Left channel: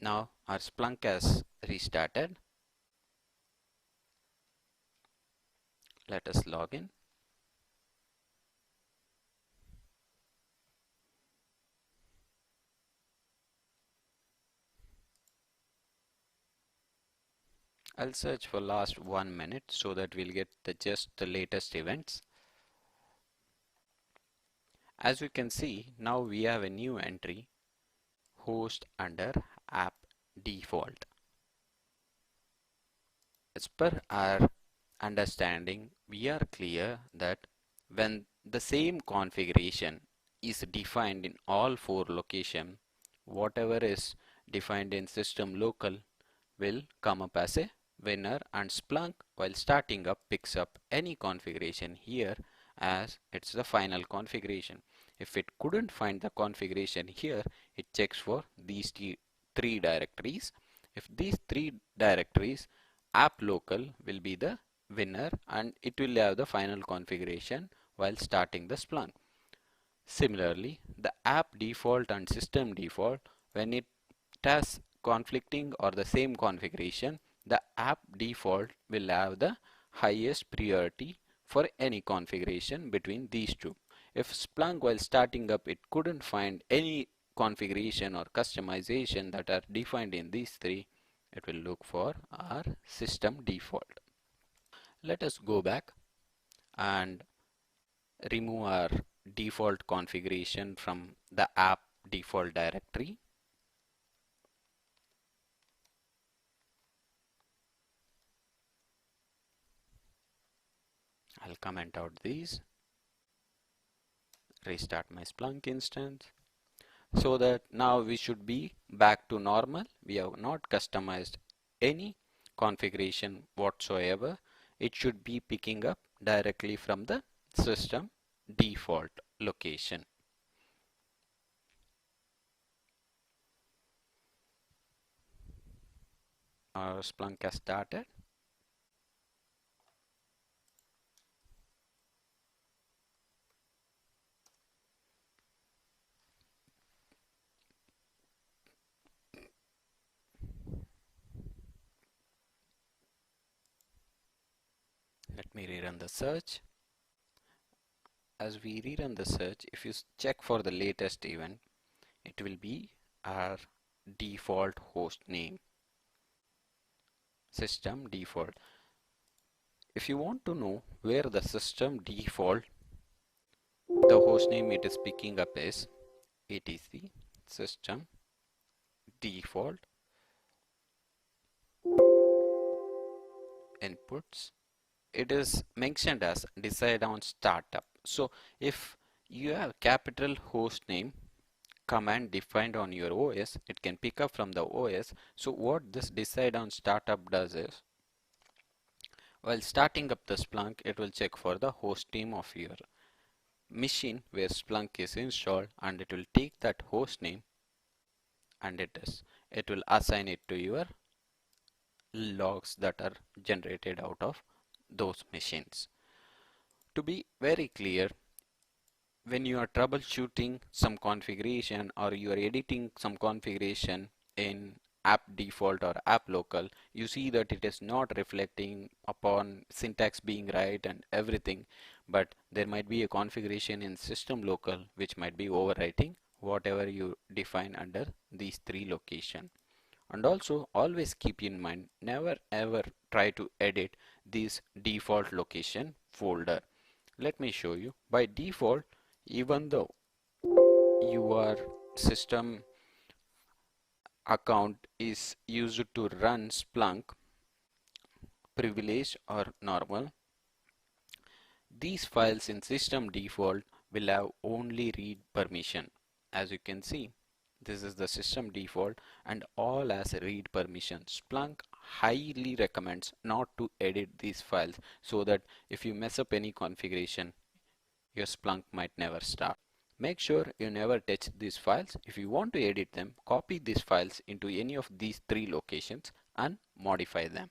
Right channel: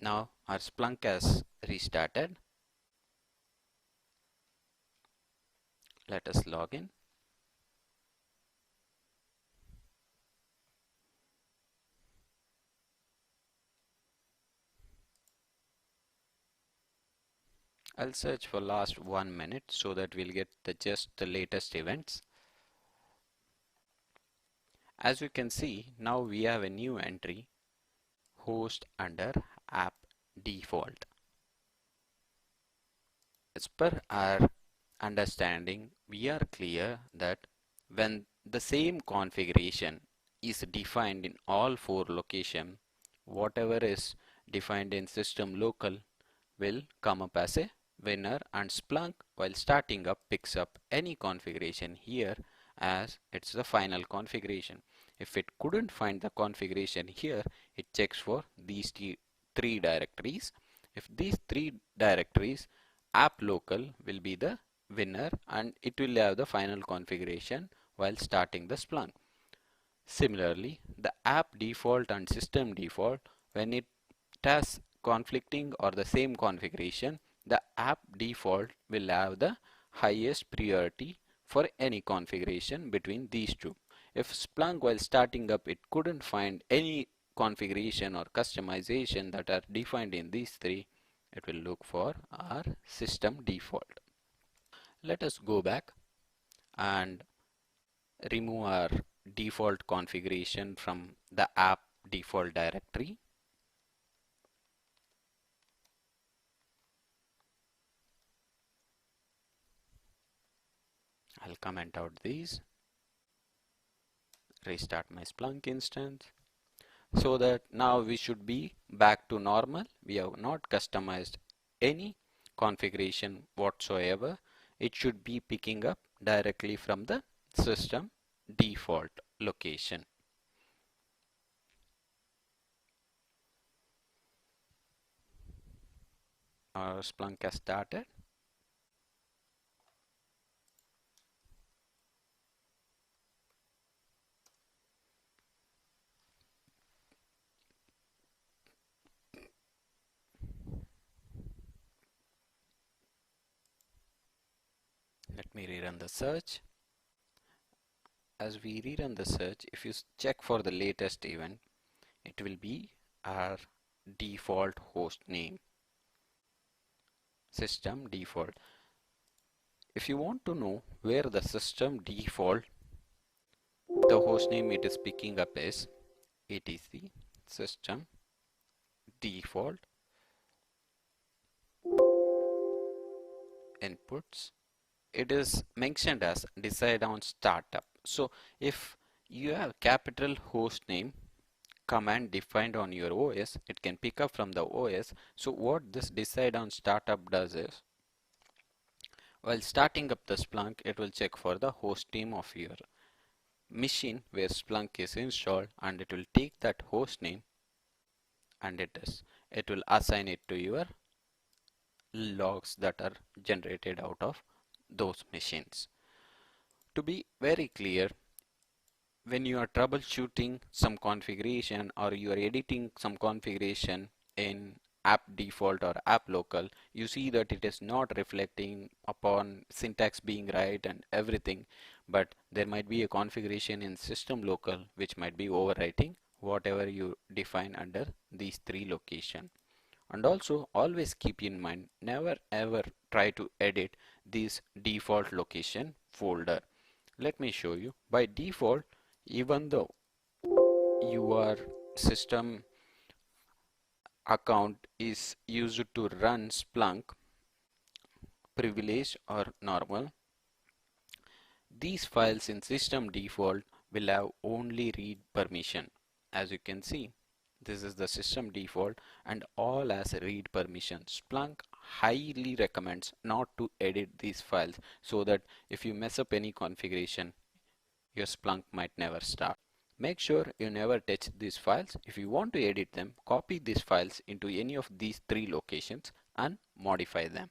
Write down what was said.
Now our Splunk has restarted. Let us log in. I'll search for last 1 minute so that we'll get just the latest events. As you can see, now we have a new entry, host under app default. As per our understanding, we are clear that when the same configuration is defined in all four locations, whatever is defined in system local will come up as a winner, and Splunk while starting up picks up any configuration here as it's the final configuration. If it couldn't find the configuration here, it checks for these three directories. If these three directories, app local will be the winner and it will have the final configuration while starting the Splunk. Similarly, the app default and system default, when it has conflicting or the same configuration, the app default will have the highest priority for any configuration between these two. If Splunk while starting up it couldn't find any configuration or customization that are defined in these three, it will look for our system default. Let us go back and remove our default configuration from the app default directory. I'll comment out these, restart my Splunk instance, so that now we should be back to normal. We have not customized any configuration whatsoever. It should be picking up directly from the system default location. Our Splunk has started. Let me rerun the search. As we rerun the search, if you check for the latest event, it will be our default host name, system default. If you want to know where the system default, the host name it is picking up is etc system default inputs. It is mentioned as decide on startup. So if you have capital host name command defined on your OS, it can pick up from the OS. So what this decide on startup does is, while starting up the Splunk, it will check for the host name of your machine where Splunk is installed, and it will take that host name and it will assign it to your logs that are generated out of those machines. To be very clear, when you are troubleshooting some configuration or you are editing some configuration in app default or app local, you see that it is not reflecting upon syntax being right and everything, but there might be a configuration in system local which might be overwriting whatever you define under these three locations. And also always keep in mind, never ever try to edit this default location folder. Let me show you. By default, even though your system account is used to run Splunk, privileged or normal, these files in system default will have only read permission. As you can see, this is the system default and all as read permission. Splunk highly recommends not to edit these files so that if you mess up any configuration, your Splunk might never start. Make sure you never touch these files. If you want to edit them, copy these files into any of these three locations and modify them.